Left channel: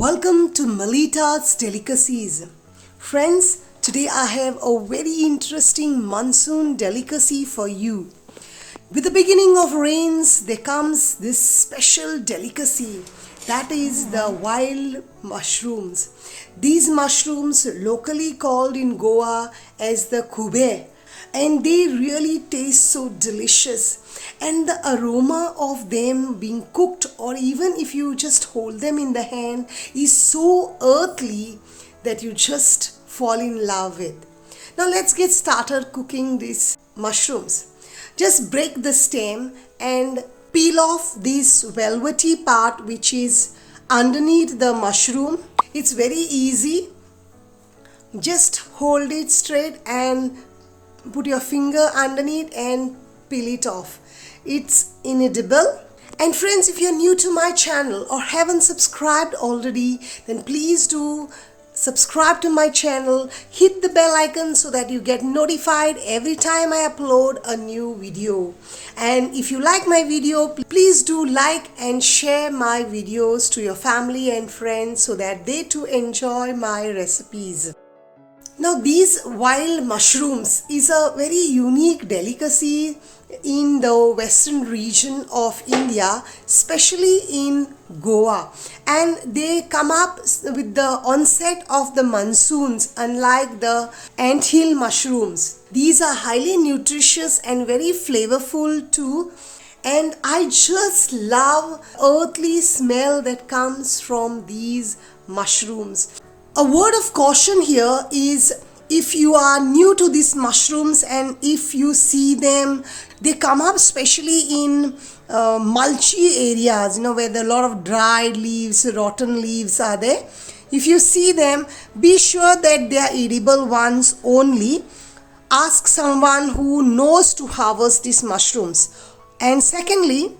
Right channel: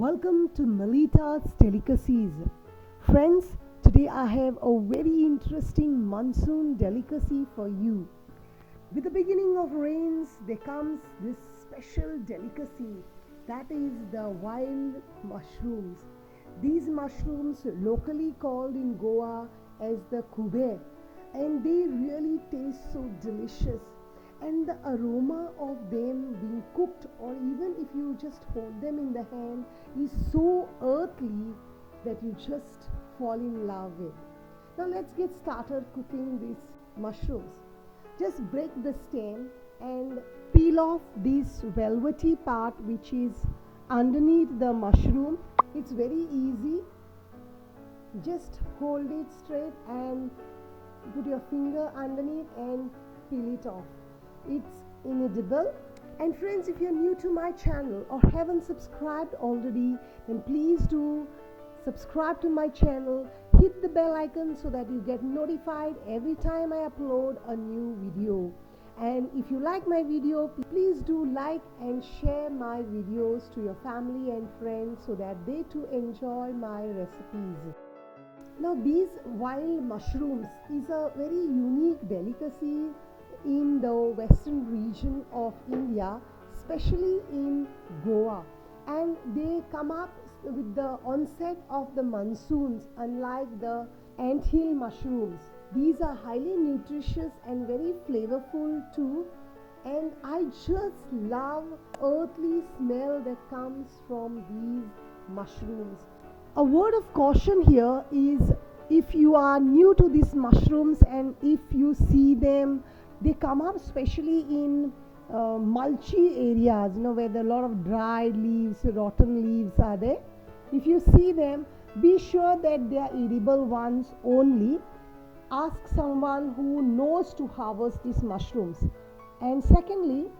Welcome to Melita's Delicacies. Friends, today I have a very interesting monsoon delicacy for you. With the beginning of rains, there comes this special delicacy, that is the wild mushrooms. These mushrooms, locally called in Goa as the khube, and they really taste so delicious, and the aroma of them being cooked, or even if you just hold them in the hand, is so earthly that you just fall in love with. Now let's get started cooking these mushrooms. Just break the stem and peel off this velvety part which is underneath the mushroom. It's very easy. Just hold it straight and put your finger underneath and peel it off. It's inedible. And friends, if you're new to my channel or haven't subscribed already, then please do subscribe to my channel, hit the bell icon so that you get notified every time I upload a new video. And if you like my video, please do like and share my videos to your family and friends so that they too enjoy my recipes. Now these wild mushrooms is a very unique delicacy in the western region of India, especially in Goa, and they come up with the onset of the monsoons. Unlike the anthill mushrooms, these are highly nutritious and very flavorful too, and I just love earthly smell that comes from these mushrooms. A word of caution here is, if you are new to these mushrooms and if you see them, they come up especially in mulchy areas, where there are a lot of dried leaves, rotten leaves are there. If you see them, be sure that they are edible ones only. Ask someone who knows to harvest these mushrooms. And secondly,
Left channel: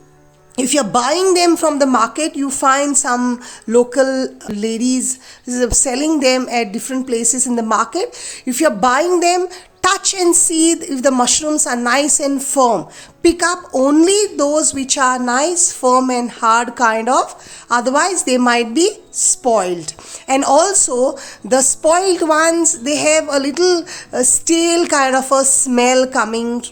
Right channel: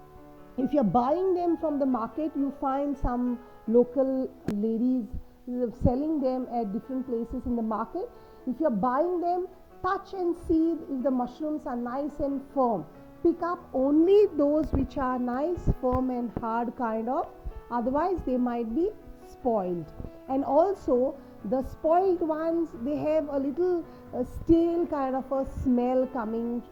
if you're buying them from the market, you find some local ladies selling them at different places in the market. If you're buying them, touch and see if the mushrooms are nice and firm. Pick up only those which are nice, firm and hard kind of. Otherwise, they might be spoiled. And also, the spoiled ones, they have a little stale kind of a smell coming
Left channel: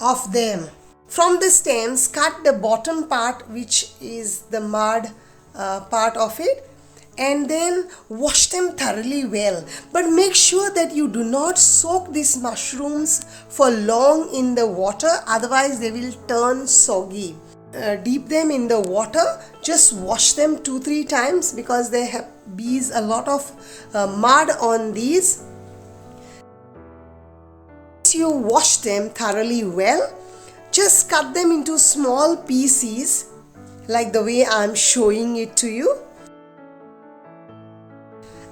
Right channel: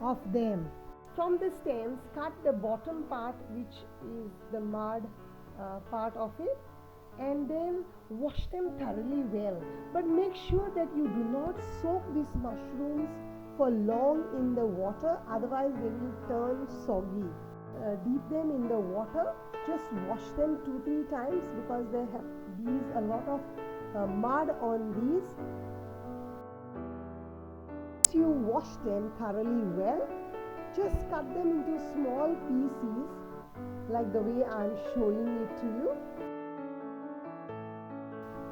of them. From the stems, cut the bottom part, which is the mud part of it, and then wash them thoroughly well. But make sure that you do not soak these mushrooms for long in the water, otherwise they will turn soggy. Dip them in the water, just wash them 2-3 times because they have a lot of mud on these. Once you wash them thoroughly well, just cut them into small pieces like the way I'm showing it to you,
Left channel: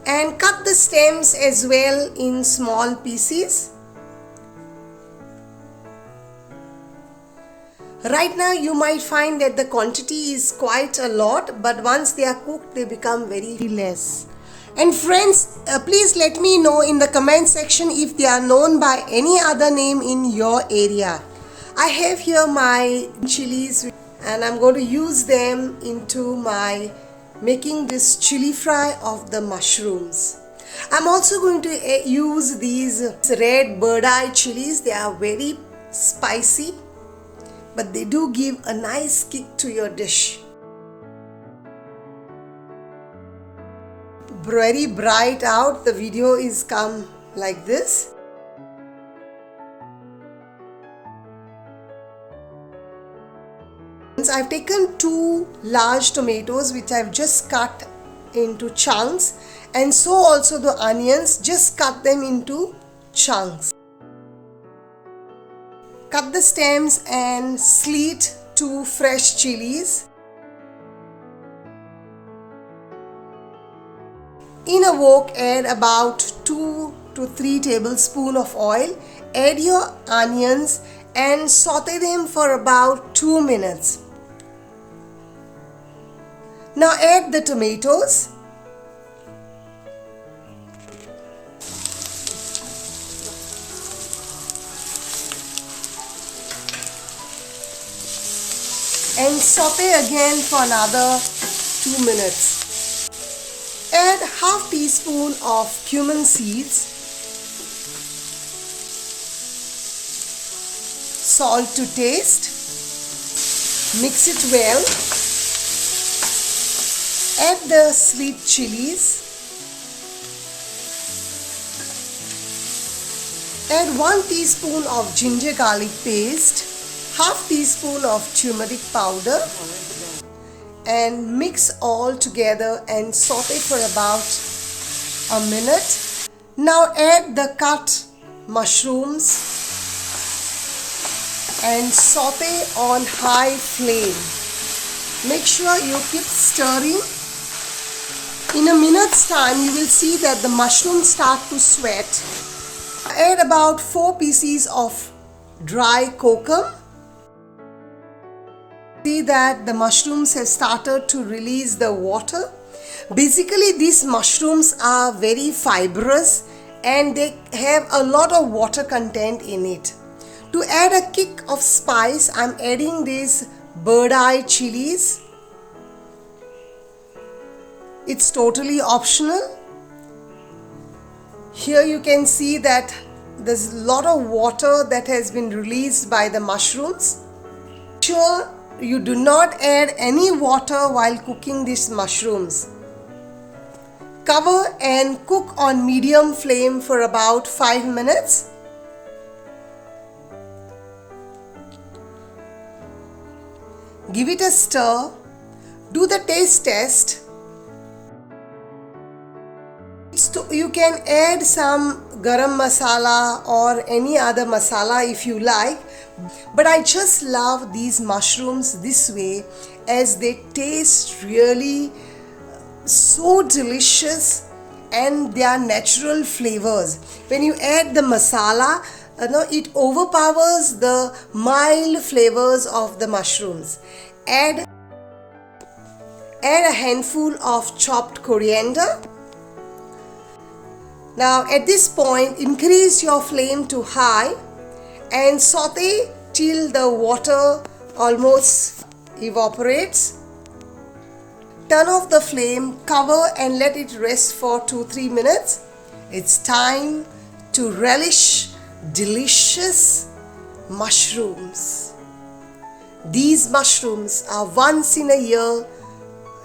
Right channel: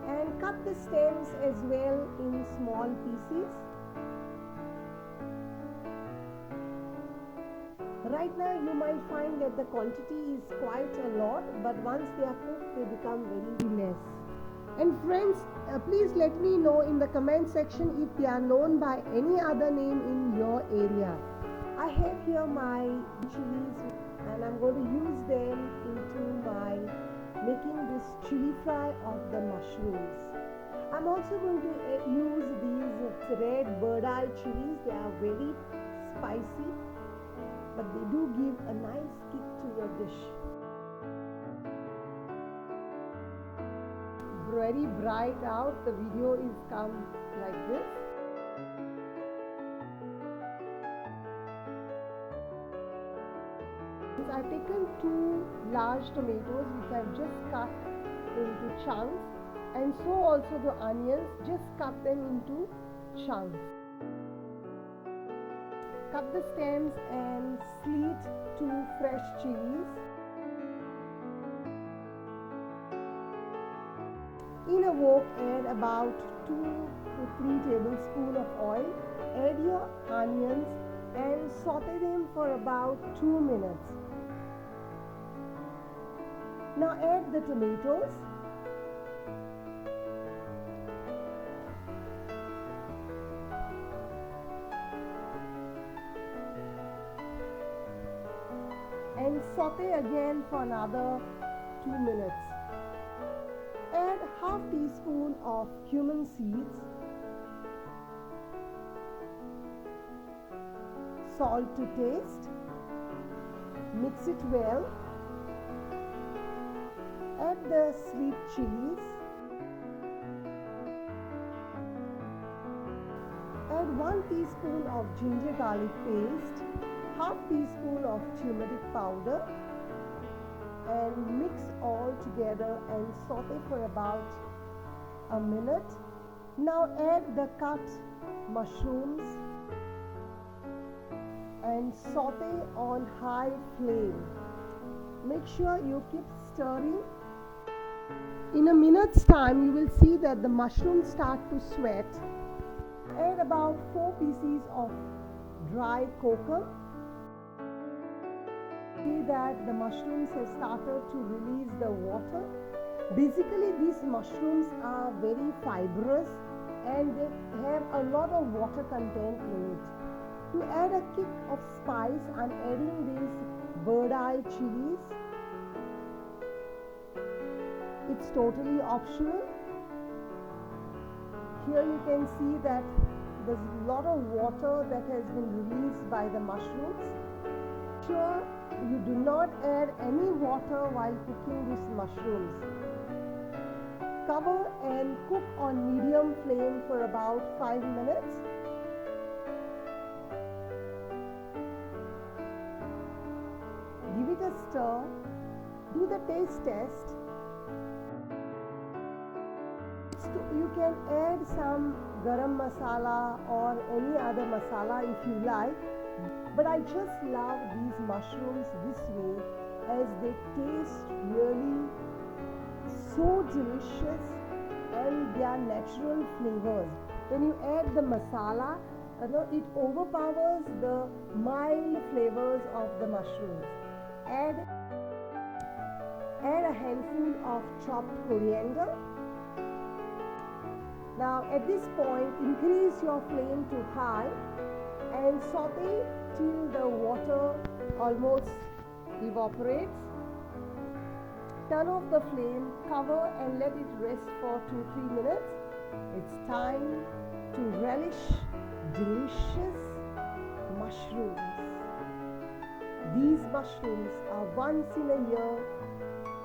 and cut the stems as well in small pieces. Right now you might find that the quantity is quite a lot, but once they are cooked they become very less. And friends, please let me know in the comment section if they are known by any other name in your area. I have here my chilies and I'm going to use them into my making this chili fry of the mushrooms. I'm also going to use these red bird eye chilies. They are very spicy, but they do give a nice kick to your dish. Very bright out, the video is come like this. I've taken 2 large tomatoes which I've just cut into chunks, and so also the onions, just cut them into chunks. Cut the stems and slit 2 fresh chilies. In a wok, add about 2 to 3 tablespoons of oil. Add your onions and saute them for about 2 minutes. Now add the tomatoes. And saute again for another 2 minutes. half teaspoon of cumin seeds, salt to taste, mix it well, add the sweet chilies, add 1 teaspoon of ginger garlic paste, half teaspoon of turmeric powder, and mix all together and saute for about a minute. Now add the cut mushrooms and saute on high flame. Make sure you keep stirring. In a minute's time you will see that the mushrooms start to sweat. Add about 4 pieces of dry kokum. See that the mushrooms have started to release the water. Basically these mushrooms are very fibrous and they have a lot of water content in it. To add a kick of spice, I'm adding these bird eye chilies. It's totally optional. Here you can see that there's a lot of water that has been released by the mushrooms. Sure, you do not add any water while cooking these mushrooms. Cover and cook on medium flame for about 5 minutes. Give it a stir. Do the taste test. You can add some garam masala or any other masala if you like, but I just love these mushrooms this way as they taste really so delicious and they are natural flavors. When you add the masala, it overpowers the mild flavors of the mushrooms. Add a handful of chopped coriander. Now at this point, increase your flame to high and saute till the water almost evaporates. Turn off the flame, cover and let it rest for 2-3 minutes. It's time to relish delicious mushrooms. These mushrooms are once in a year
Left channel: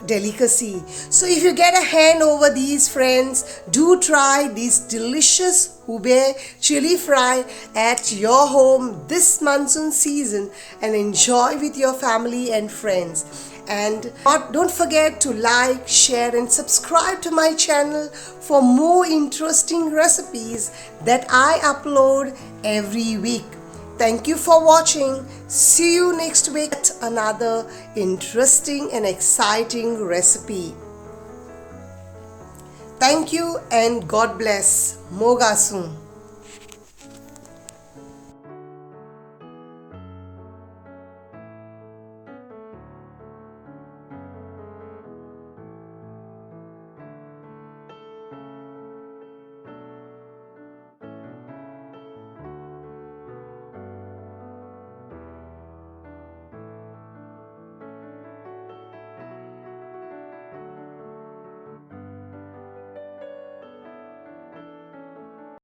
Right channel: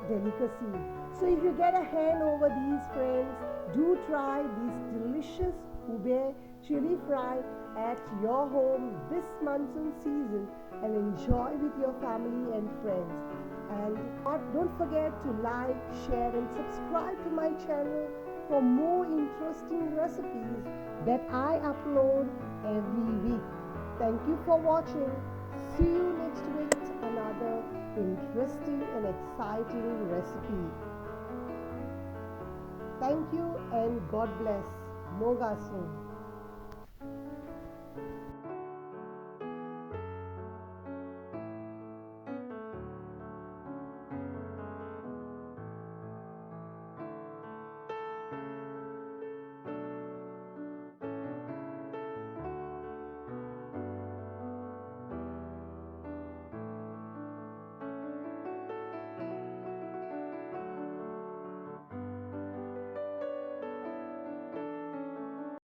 delicacy. So if you get a hand over these, friends, do try these delicious khube chili fry at your home this monsoon season and enjoy with your family and friends. And don't forget to like, share and subscribe to my channel for more interesting recipes that I upload every week. Thank you for watching. See you next week at another interesting and exciting recipe. Thank you and God bless. Moga soon.